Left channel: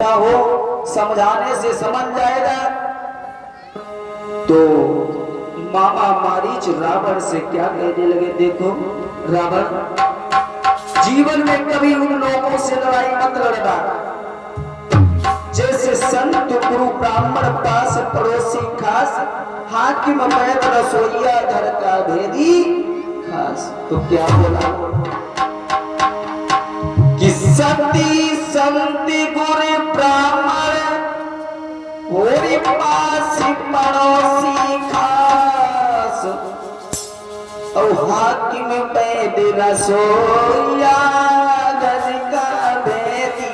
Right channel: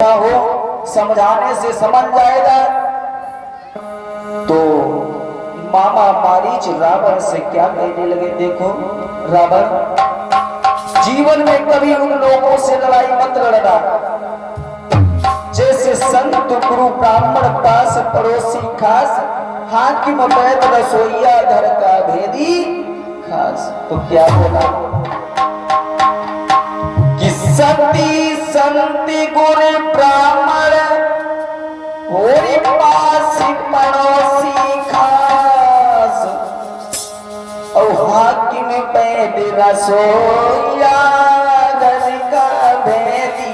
हो समझाने से समझ जाएगा। तो मामा मारीच रावण से क्या कहने लगे, देखो रावण, जीवन में कभी उन लोगों से लड़ाई मत लड़ना जैसे संत गुरु ब्राह्मण पास पड़ोसी खास, हाकिम वैद रसोइया धर का भेदी खास। तो क्या बोला कि सती संति गुरु ब्राह्मण होरी पास पड़ोसी खास, और हाकिम वैद रसोइया धर का भेदी।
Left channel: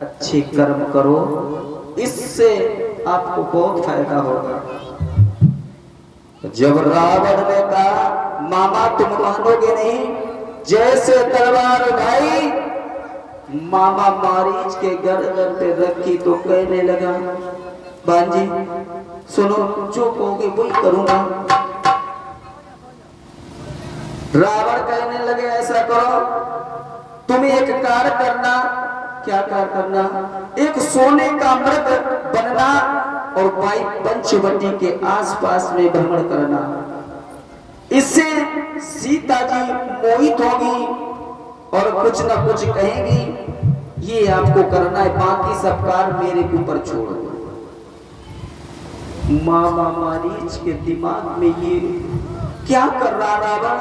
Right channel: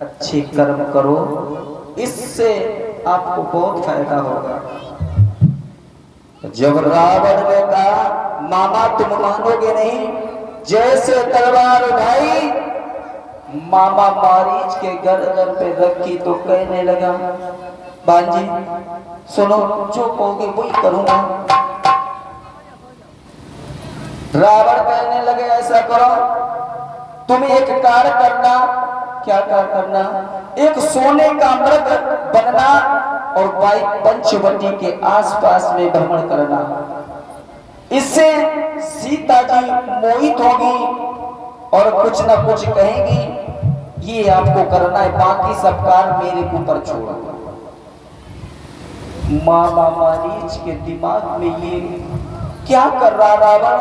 अच्छे कर्म करो, इससे आपको बहुत फायदा होगा। जब रावण ने कहा मामा तुम मानोगे नहीं, जैसे तलवार उठाई मामा मारीच के गर्दन पे रखी तो कहने लगा बांजी सुनो, जो कहोगे वही करूंगा। रावण कहने लगे ऐसा करो, तुम एक कार्य करना। क्या कार्य करना? एक सोने का मृग बनना और भाई पंचवटी के आसपास में भ्रमण करना। इससे सीता जी मोहित होगी और कुछ ना कुछ कहेंगी। ये आपको करना है, बाकी सब कार्य मेरे ऊपर छोड़ो। मामा मारीच के दिमाग में ये क्या कर रहा रावण,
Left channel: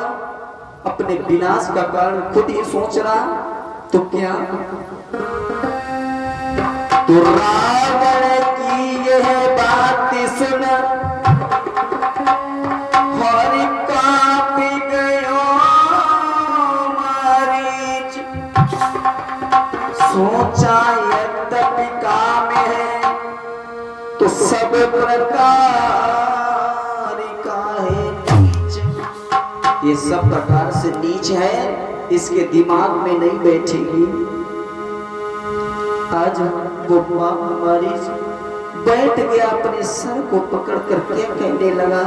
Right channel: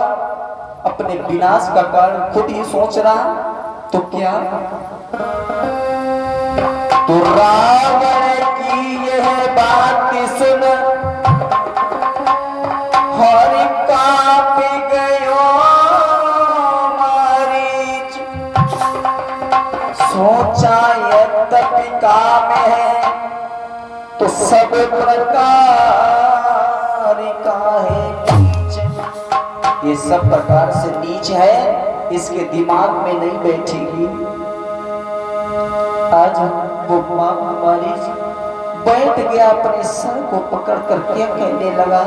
अपने विनाश का कारण खुद ही सोच रहा। तो क्या तो रावण की यह बात सुन हरि कांप गयो मारीच, सोचा यद्यपि काम है तो सब प्रकार का है नीच। ये सब प्रकार से नीच है, इसके दिमाग में नहीं बैठेगी। आज वो मामा मारीच बैठ गया, अपने सर को पकड़ कर क्या कहने लगा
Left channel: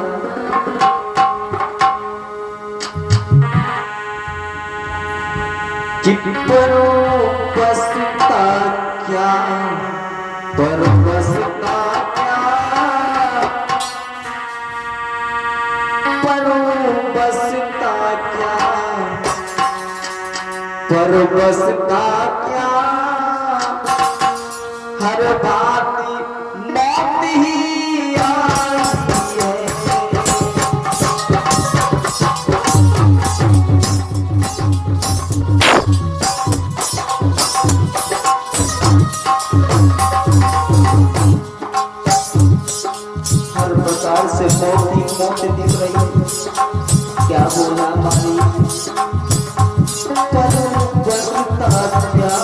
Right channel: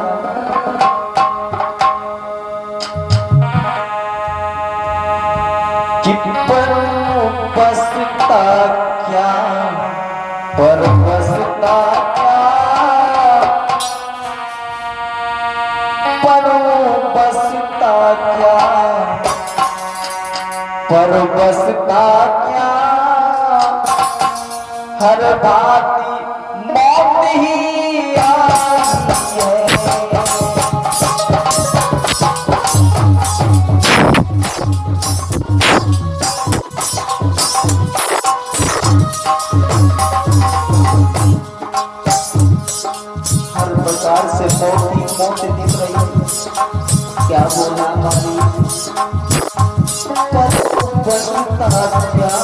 कि बसता क्या, पर बसता क्या, पर बसता क्या, पर बसता क्या हर भांति मौत ही आई है। हर प्रकार से मौत ही मौत दिख रही है। क्या बोलना मानी बसता क्या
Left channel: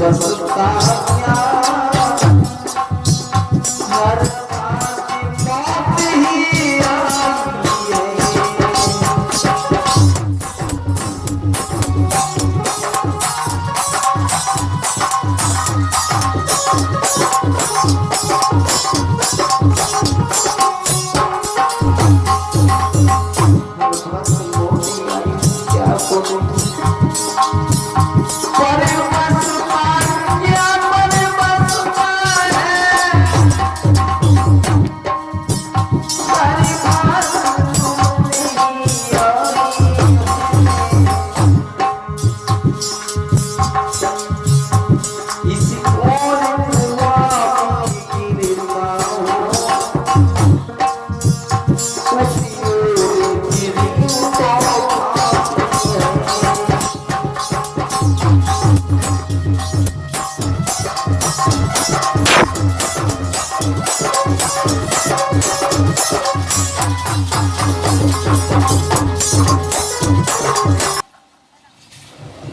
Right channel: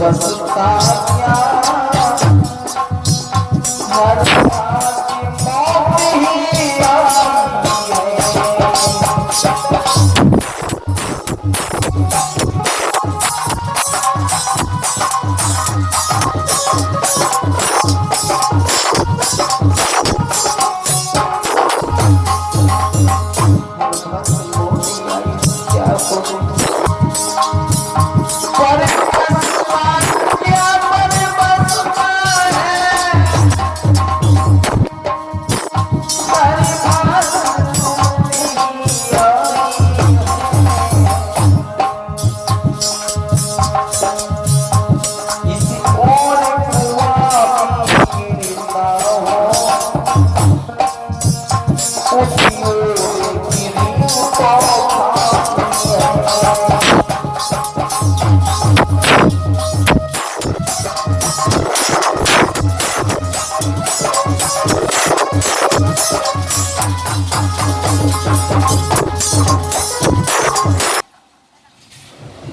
बसता क्या हर मौत ही आई है।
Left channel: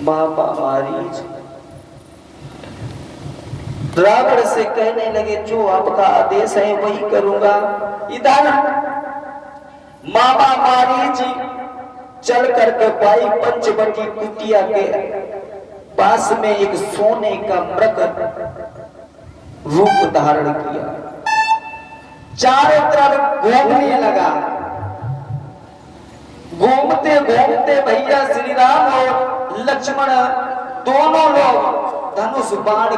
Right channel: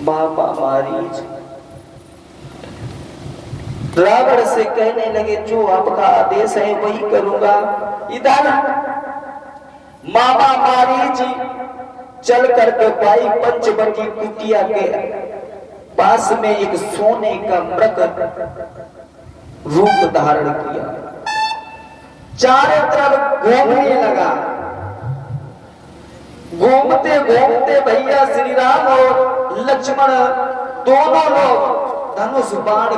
बाबा मारीच रावण से कहने लगे जो आपका आदेश है वही करूंगा। इधर बाबा मारीच चल करके भाई पंचवटी कुटिया के पास में एक सोने का मृग रूप धारण किया, चारों तरफ घूमने लगा। घूमते घूमते भैया श्री राम और लक्ष्मण दोनों लोग धनुष बाण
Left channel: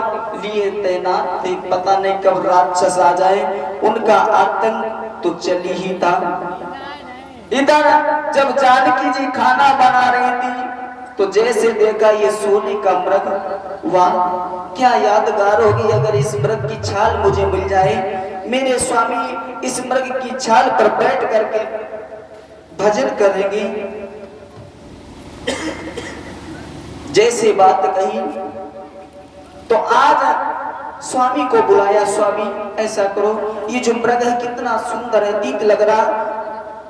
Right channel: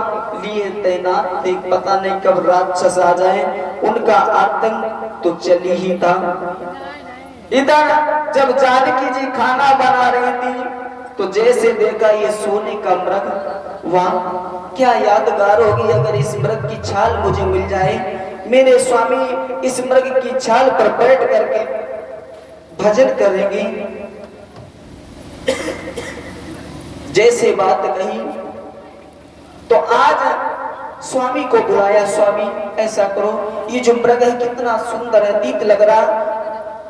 लिए तैनात थे। पता नहीं कब राक्षस आ जाए, उनका आतंक तो चली ही था। इधर जब जानकी जी खाना बना रही थी तो जैसे देखा ये सोने का मृग, वाह क्या यादगार होगी अगर इस मृग की छाल मुझे मिल जाए। मेरे स्वामी इस मृग की छाल पर बैठ करके भजन करेंगे। जैसे बात कही तो आज स्वामी को बुलाया। स्वामी ऐसा करो, ये जो मृग है कितना सुंदर है, तीत लग रहा,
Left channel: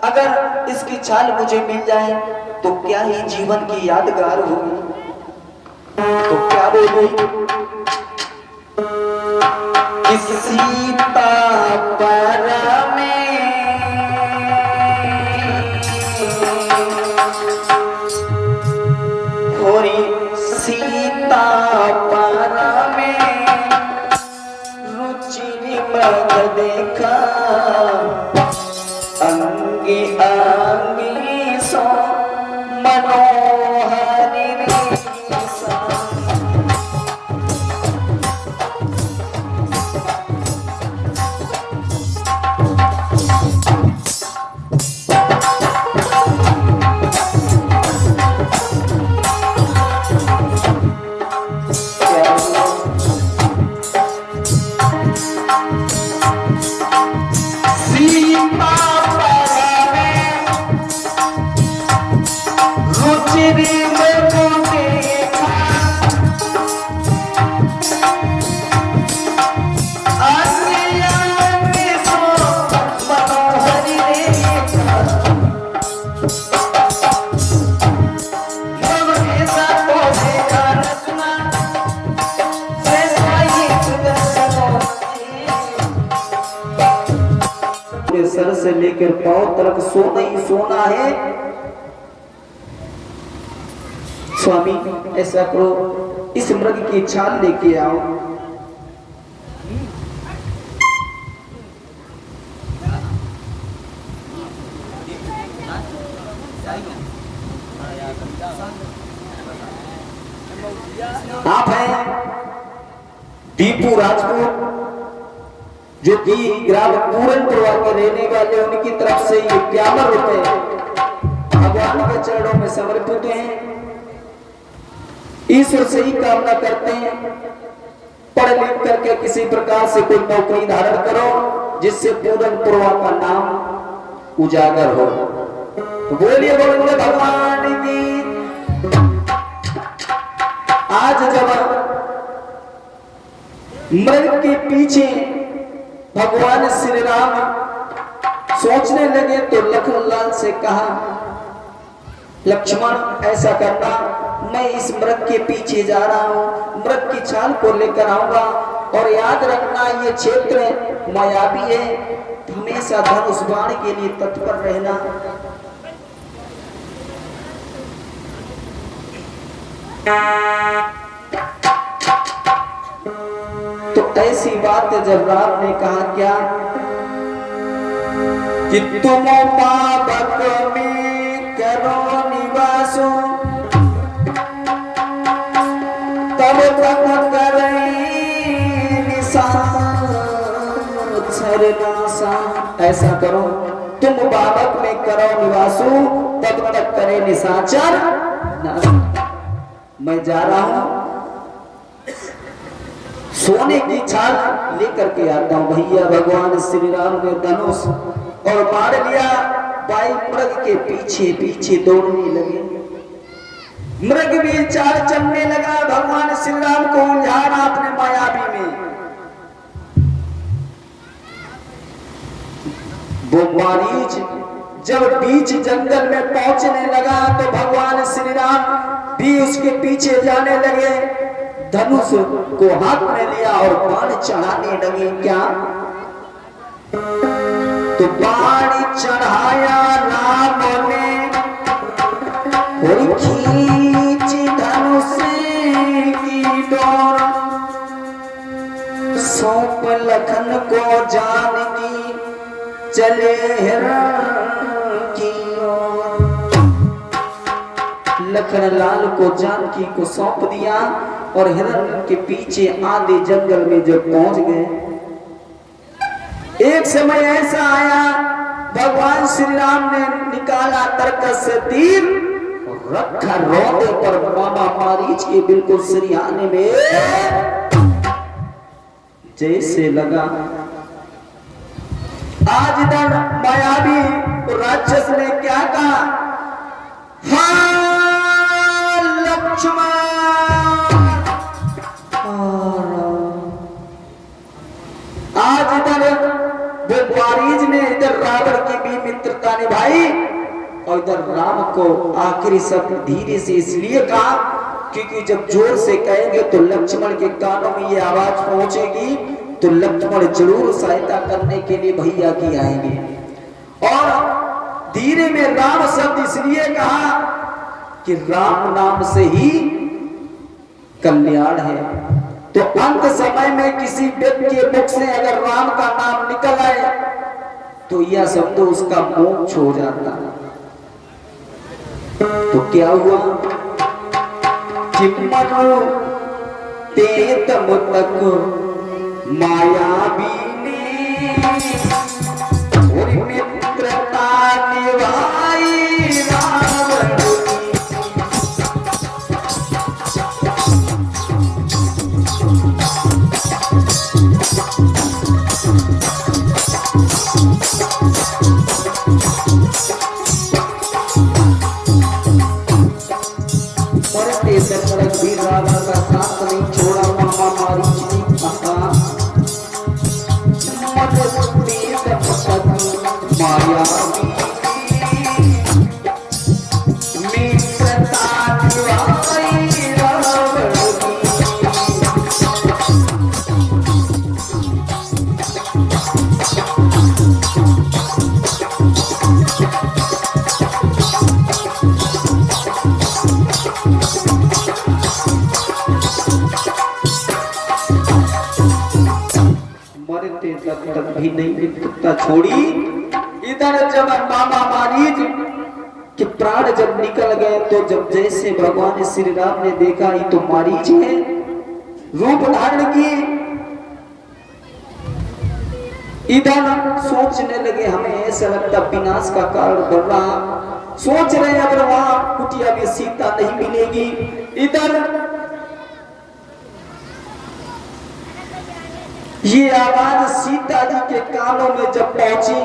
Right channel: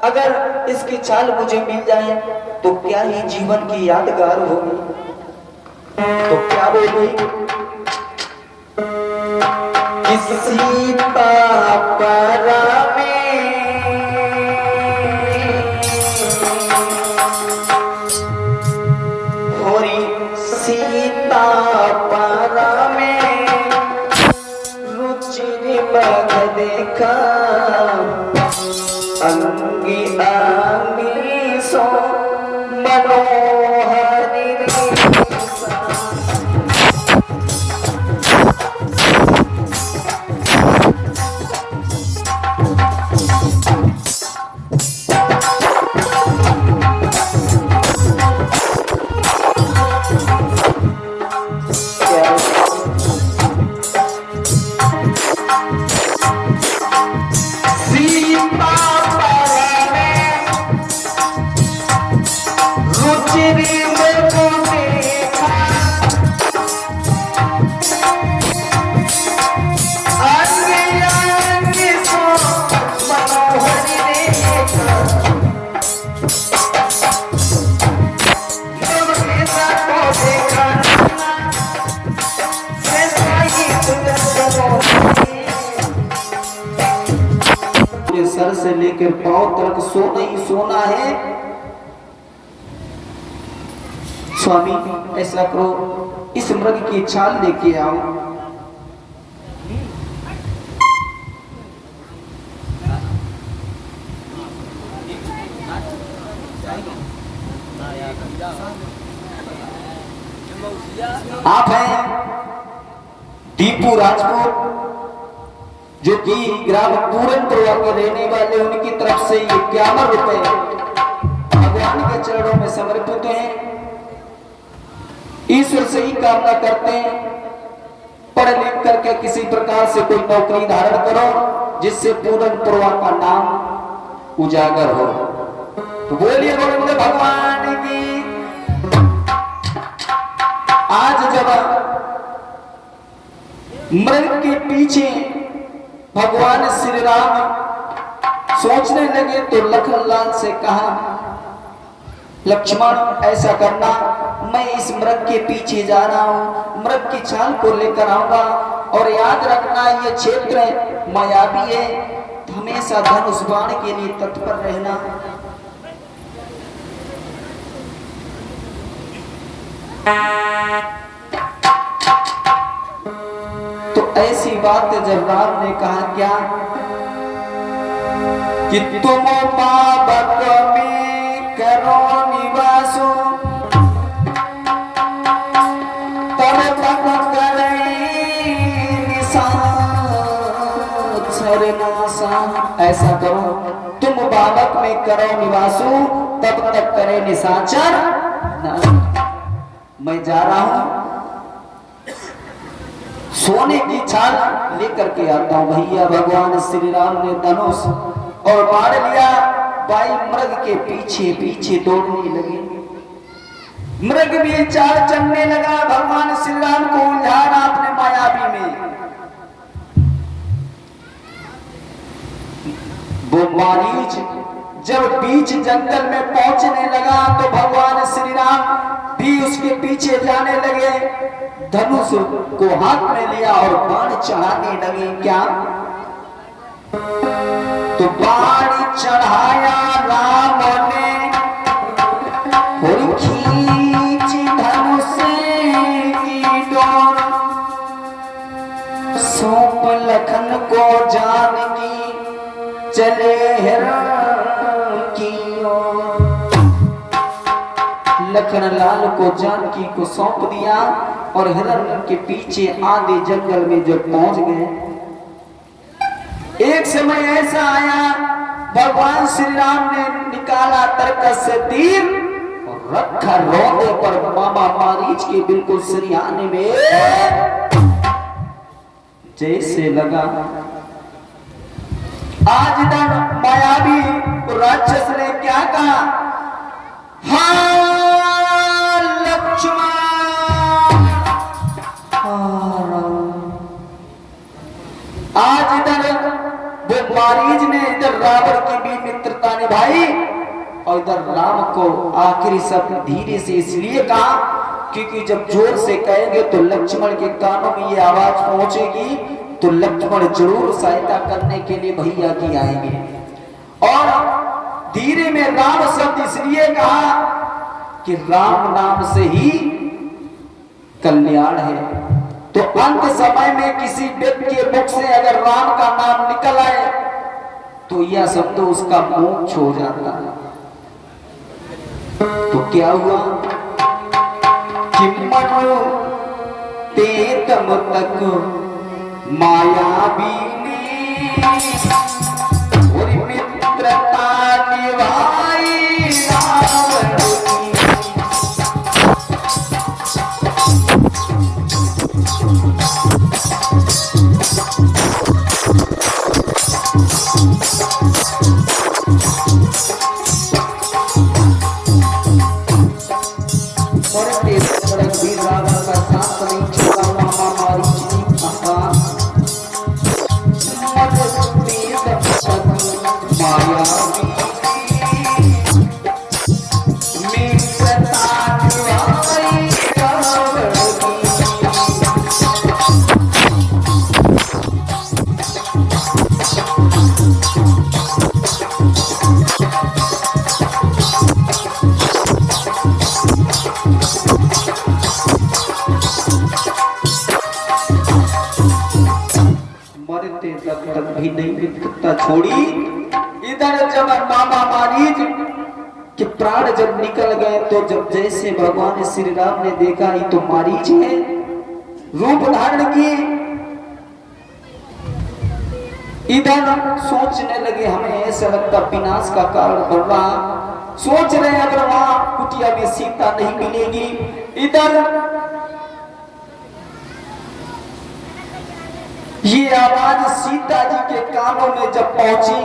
अगर इसकी छाल मुझे मिल जाए तो क्या ही जीवन की यादगार होगी। तो क्या बोली सीता सीता पारा में रुचि बग देखा, अंगी अंगी सो मनोहरी सर से लेकर पांव तक सोना ही सोना है। स्वामी ऐसा करो, इस मृग की छाल लेके आओ। आप हैं दीपू राजपूत जो कि ग्राम पूरनपुरा के रहने वाले, उनकी तरफ से ये 51 रुपए भगवान के चरणों में समर्पित हैं। ईश्वर से ही कामना करते हैं, पढ़ लिख करके किसी प्रकार से कोई नौकरी धारण करो जिससे पूरन पुरवा का नाम उजागर हो। तो बोलिए गोविंद भगवान की। आज जब मृग के पीछे भगवान श्री राम सोचने लगे तो लखनलाल से कहा, लक्ष्मण ऐसा करना, मैं इस मृग के पीछे जा रहा हूं, मृग की छाल को लेकर आऊंगा और याद रखना ये क्षेत्र मायावी है, हमेशा धनुष बाण के लिए तत्पर रहना। तो ऐसी बात जब राम ने कहा क्या कि तुम पावक में करो निवासो तब तक करे निशाचरनासा। ऐसा करो तुम पावक में करो निवासो तब तक करे निशाचर। मैं जा रहा हूं सोने की छाल लेकर के आता हूं। भैया भगवान श्री राम ने धनुष और बाढ़ लिया, बाई मृग के पीछे पीछे दौड़ने लगे। मृग भी चाल चलने लगा, भगवान श्री राम को उलझा रहा अपने मायावी में। वो मारीच जब बीच जंगल में पहुंचने लगा तो भगवान श्री राम भी उसके पीछे जाने लगे, धनुष को हाथ में लिया और बाण चढ़ाने लगे। क्या तो बाण चढ़ाया राम ने और खींची धनुष की डोर, सौंप लखन को जानकी चले हिरण की ओर। लखन लाल को जानकी को सौंप दिया और हिरण के पीछे आधे जंगल में जब पहुंच गए। एक समय ऐसा आया, भगवान श्री राम ने निकाला तरकस से तीर और रखा रोदे पर मामा मारीच के बिल्कुल सिरहाने में जैसे लगा। आज इधर मायावी तो राक्षस ने क्या कहा, हाँ लक्ष्मण। आज इधर वो मारीच ने इधर रावण की भी मित्रता निभाई और इधर राम को आखिरी शब्द धीरे से इसलिए कहा क्योंकि जब जोर से कहेंगे तो लक्ष्मण के कानों में ये आवाज पहुंचेगी तो लक्ष्मण जरूर सहायता करने के लिए भैया की आएंगे। और धीरे में राम शब्द इसलिए कहा कि राम नाम से ही कल्याण है। तो अंत समय में किसी व्यक्ति के मुख से अगर राम का नाम निकल आए तो यह शब्द उसका मोक्ष हो जाता है। तो क्या हुआ कि मनु ते तब तक मायावी ने और मित्रता निभाई भी नहीं मित्रता छोड़ी। इधर जब मामा मारीच के प्राण जब निकल गए तो जब जैसे भगवान श्री राम ने देखा ये तो मारीच है, रूप धारण किए। इधर सोचने लगे हमें ऐसा लगता विनाश का कारण बन रहा, सोच रहे अगर वहां कुटिया में सीता नहीं मिलेगी। इधर ये आवाज सीता जी के कानों में जब पहुंची,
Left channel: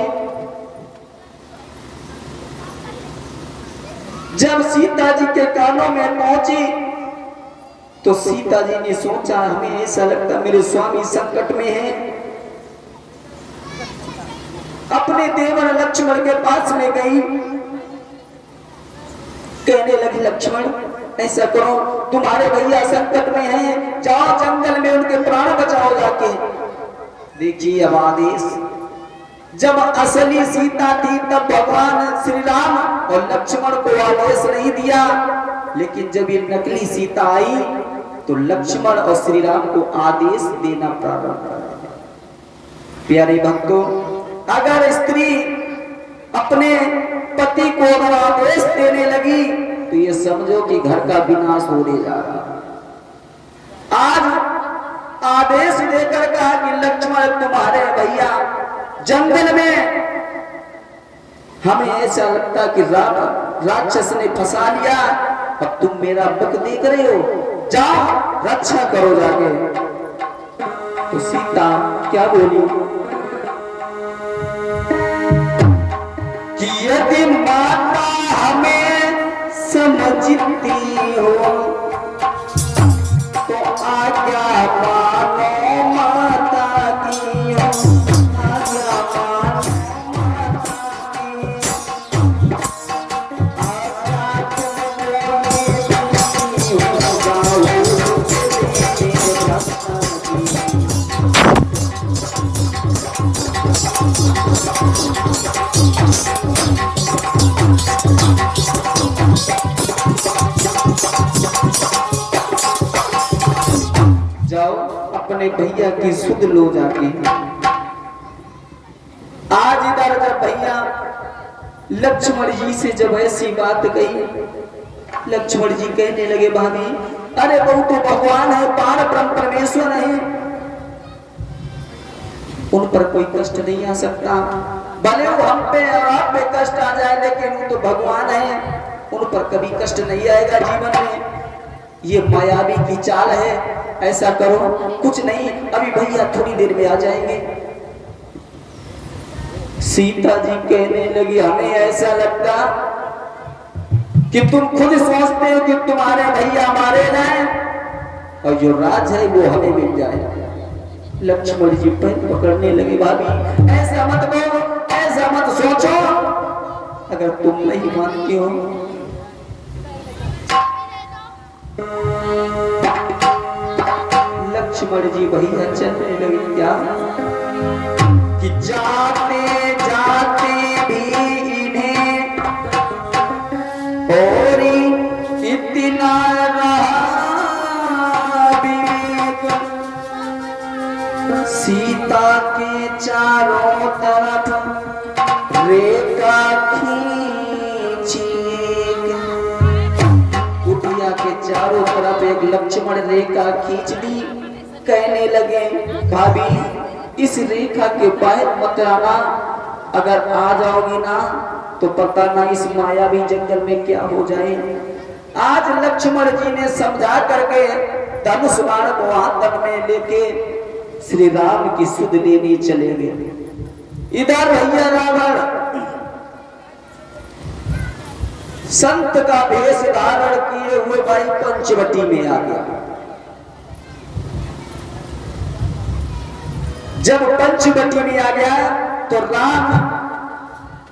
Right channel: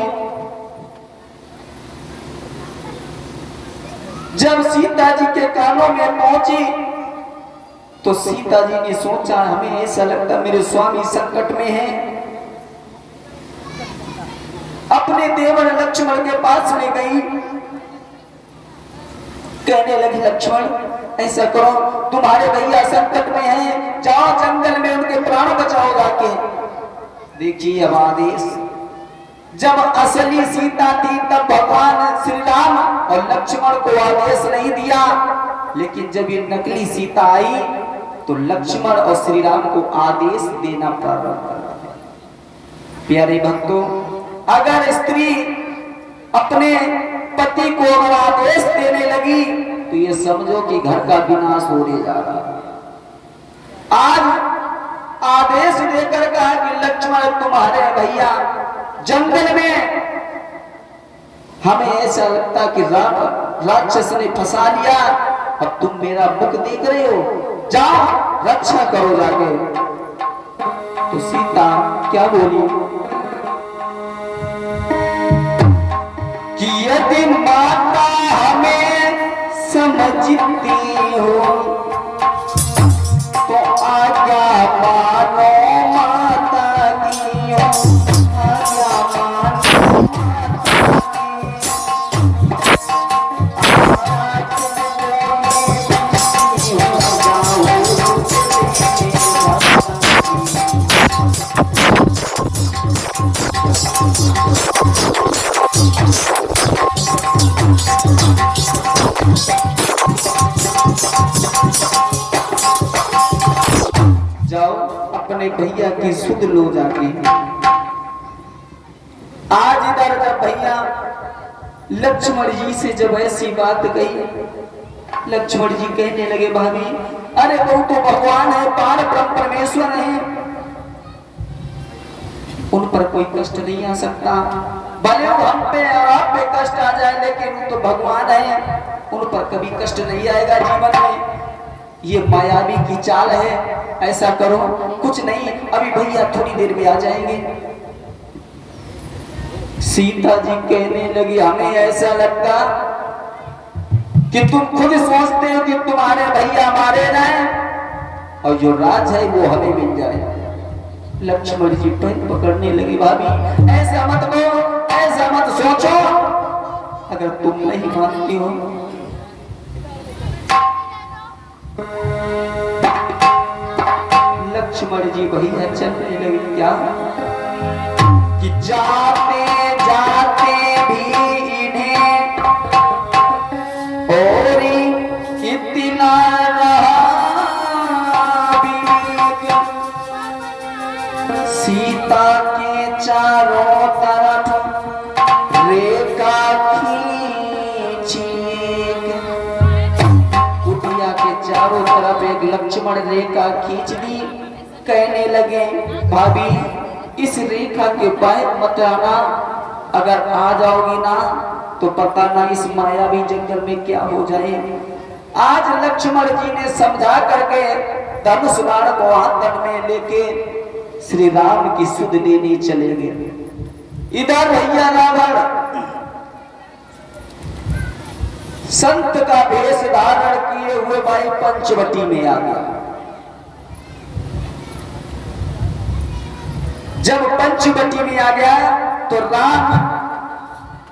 जब सीता जी के कानों में पहुंची तो सीता जी ने सोचा, हमें ऐसा लगता मेरे स्वामी संकट में है। अपने देवर लक्ष्मण के पास में गई, कहने लगी लक्ष्मण ऐसा करो, तुम्हारे भैया संकट में हैं, जाओ जंगल में उनके प्राण बचाओ जाके। देखिए अब आदेश, जब असली सीता थी तब भगवान श्री राम और लक्ष्मण को आदेश नहीं दिया, लेकिन जब ये नकली सीता आई तो लक्ष्मण और श्री राम को आदेश देना प्रारंभ कर। प्यारे भक्तों, अगर स्त्री अपने पति को अगर आदेश देने लगी तो ये समझो कि घर का विनाश होने जा रहा है। आज आदेश देकर कहा कि लक्ष्मण तुम्हारे भैया जंगल में, हमें ऐसा लगता कि राम राक्षस ने फंसा लिया, अब तुम मेरा मुख देख रहे हो, जाओ रक्षा करो जाके। तो सीता क्या बोली कि यदि माता हमें समझती हो तो आज्ञा मानो माता की हो, आज्ञा मानो माता की। जाओ अपने भैया की सुध लो जाके। आज इधर जब भैया लक्ष्मण जी से जब ऐसी बात कही, लक्ष्मण जी कहने लगे भाभी अरे वो तो भगवान है, पार ब्रह्म परमेश्वर है, उन पर कोई कष्ट नहीं आ सकता। भले वो हम पे और आप पे कष्ट आ जाए, लेकिन वो तो भगवान है, उन पर कभी कष्ट नहीं आएगा जीवन में। ये मायावी की चाल है, ऐसा करो कुछ नहीं, अभी भैया थोड़ी देर में आ जाएंगे। सीता जी कहने लगी हमें ऐसा लगता कि तुम खुद सोचते हो कि तुम्हारे भैया मारे जाए और जो राज है वो हमें मिल जाए। लक्ष्मण जी पैर पकड़ने लगे, भाभी ऐसा मत कहो, ऐसा मत सोचो, अगर तुम नहीं मानती हो। लक्ष्मण जी भैया चलने लगे, क्या कि जाते जाते भी इन्हें और इतना रहा विवेक, सीता के चारों तरफ रेखा खींची, कुटिया के चारों तरफ एक लक्ष्मण रेखा खींच दी। कहने लगे भाभी इस रेखा के बाहर मत आना, अगर आ जाओगी ना तो पता ना इस मायावी जंगल में क्या हो जाए। आज लक्ष्मण जी ने समझा करके धनुष बाण को हाथ में लेके श्री राम की सुध लेने चले गए। इधर भैया रावण संत का वेश धारण किए हुए भाई पंचवटी में आ गया। जब पंचवटी में आ गया तो राम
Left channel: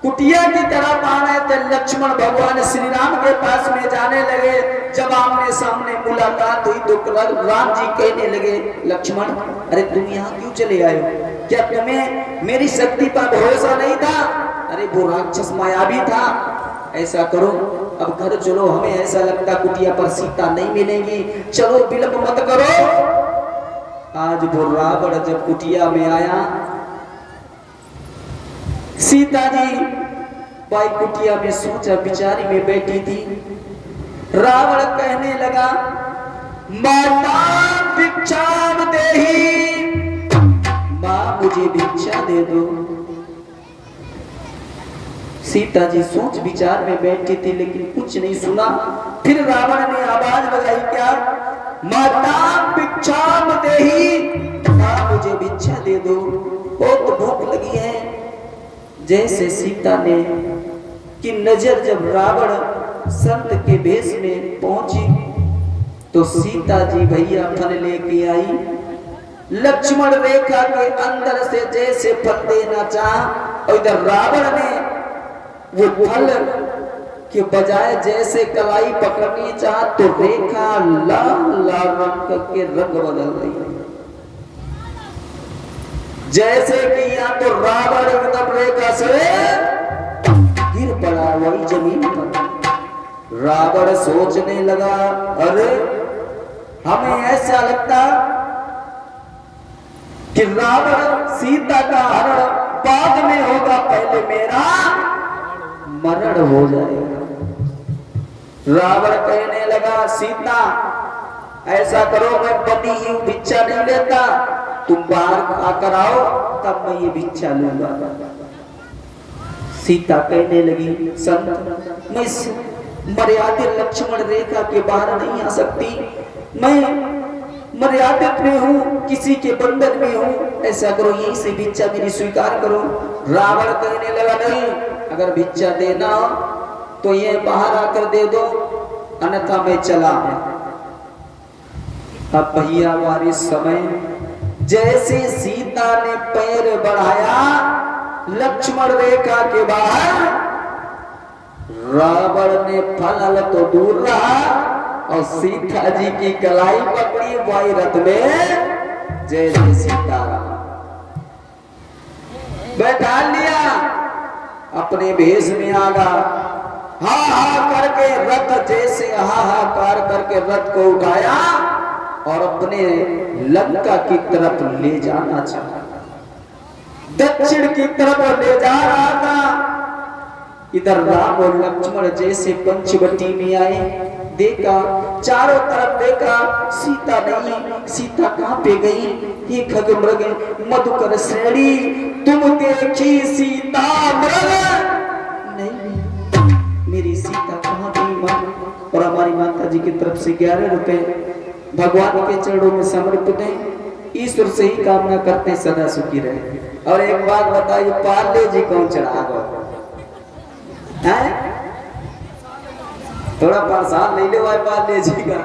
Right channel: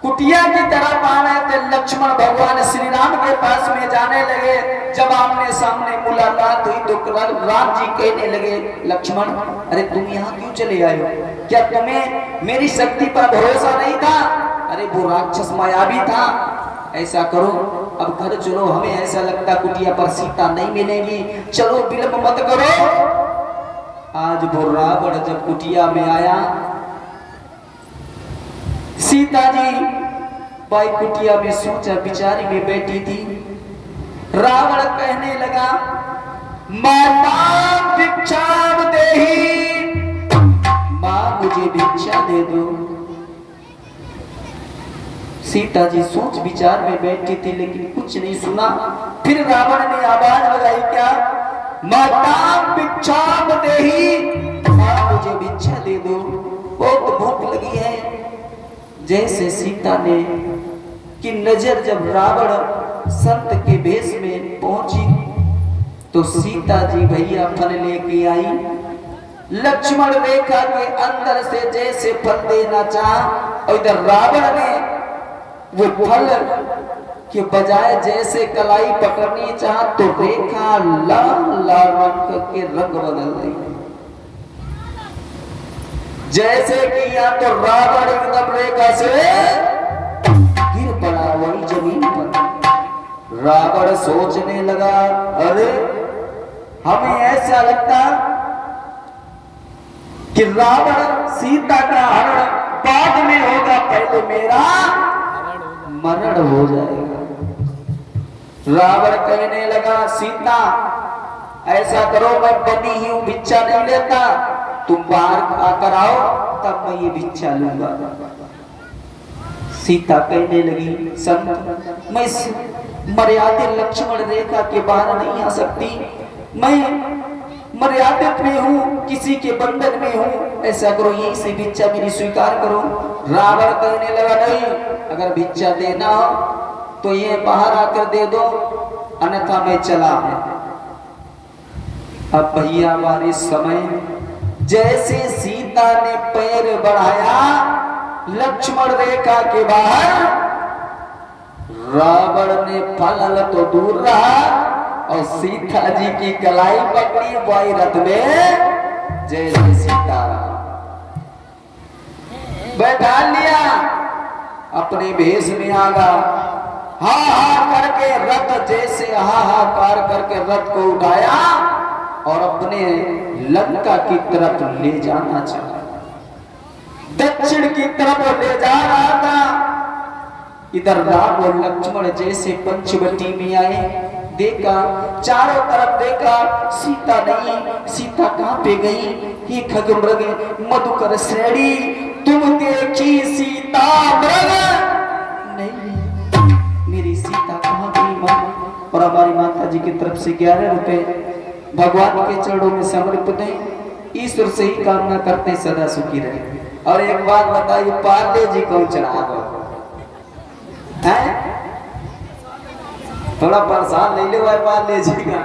कुटिया की तरफ आ रहे थे, लक्ष्मण भगवान श्री राम के पास में जाने लगे। जब आमने सामने मुलाकात हुई तो राम जी कहने लगे लक्ष्मण अरे तुम यहाँ क्यों चले आए हो, क्या तुम्हें मेरी शक्ति पर भरोसा नहीं था? अरे वो राक्षस मायावी था, ऐसा करो अब घर चलो, हमें ऐसा लगता कुटिया पर सीता नहीं मिलेगी, चलो विलंब मत करो। आज वो रावण जब कुटिया में आया, सीता जी भाई कुटिया में सोचा बिचारी में बैठी थी। रावण कहने लगा माता भिक्षाम देहि, मां मुझे भिक्षा दे दो। सीता जी सोच विचार में बैठी थी लेकिन कुछ नहीं सुना। फिर रावण ने आवाज लगाई, क्या माता भिक्षाम देहि, मां मुझे भिक्षा दे दो, बहुत भूख लगी है। जैसे सीता ने की नजर जब रावण संत के भेष में पहुंची तो सीता जी भैया फल लेके आई। लक्ष्मण रेखा के अंदर से जैसे फल देना चाहा और इधर रावण ने वो फल के बजाय जैसे कलाई पकड़नी चाहा तो रेखा लाल लाल रंग के रंग बदल रही। जैसे कि या तो रावण एकदम रेखा से गिर पड़ा वही जमीन पर। रावण सोचने लगा, अरे हमें ऐसा लगता कि रावण सीता का हरण बाद में होगा, पहले मेरा मरण हो जाएगा। रावण कहने लगा, सीता ऐसा करो, मैं बनी ही हूं, भिक्षा नहीं लेता, तुम बाहर आकर आओ तब मैं ये भिक्षा लूंगा। सीता कहने लगी, संत मैं मर्यादित लक्ष्मण रेखा के बाहर नहीं आ सकती, मैं मर्यादित में हूँ, किसी के बंधन में हूँ, ऐसा करो यही से भिक्षा मेरी स्वीकार करो। रावण कहने लगा, नहीं, अगर भिक्षा देना हो तो ये बाहर आकर दे दो, अन्यथा मैं चला है। अब भैया हमारे समय जैसे सीता ने पैर बढ़ाया लक्ष्मण रेखा के बाहर, रावण ने फल तो दूर रहा और सीता जी की कलाई पकड़ी, वही रथ में जय जय सीता बैठा लिया, अपने भेष में आगा, हा हा करके रथ जैसे हाहाकार करके रथ को उठाया और अपने लंका की तरफ ले जाना चाहा, दक्षिण की तरफ ले जा रहा था। इधर राम और लक्ष्मण जैसे पंचवटी में आए, देखा चारों तरफ देखा, सीता नहीं, सीता कहां पे गई? हे खगमृग मधुकर श्रेणी, तुम देखी सीता मृग नहीं, मेरी सीता कहां गई मां? और हमारी माता जी की तरफ से 11 रुपए भगवान के चरणों में समर्पित हैं। ईश्वर से ही कामना करते सदा सुखी रहे। और एक बात बताइए, पार्ले जी कौन चढ़ा है? थोड़ा प्रसाद ले ले भाई पार्ले जी का।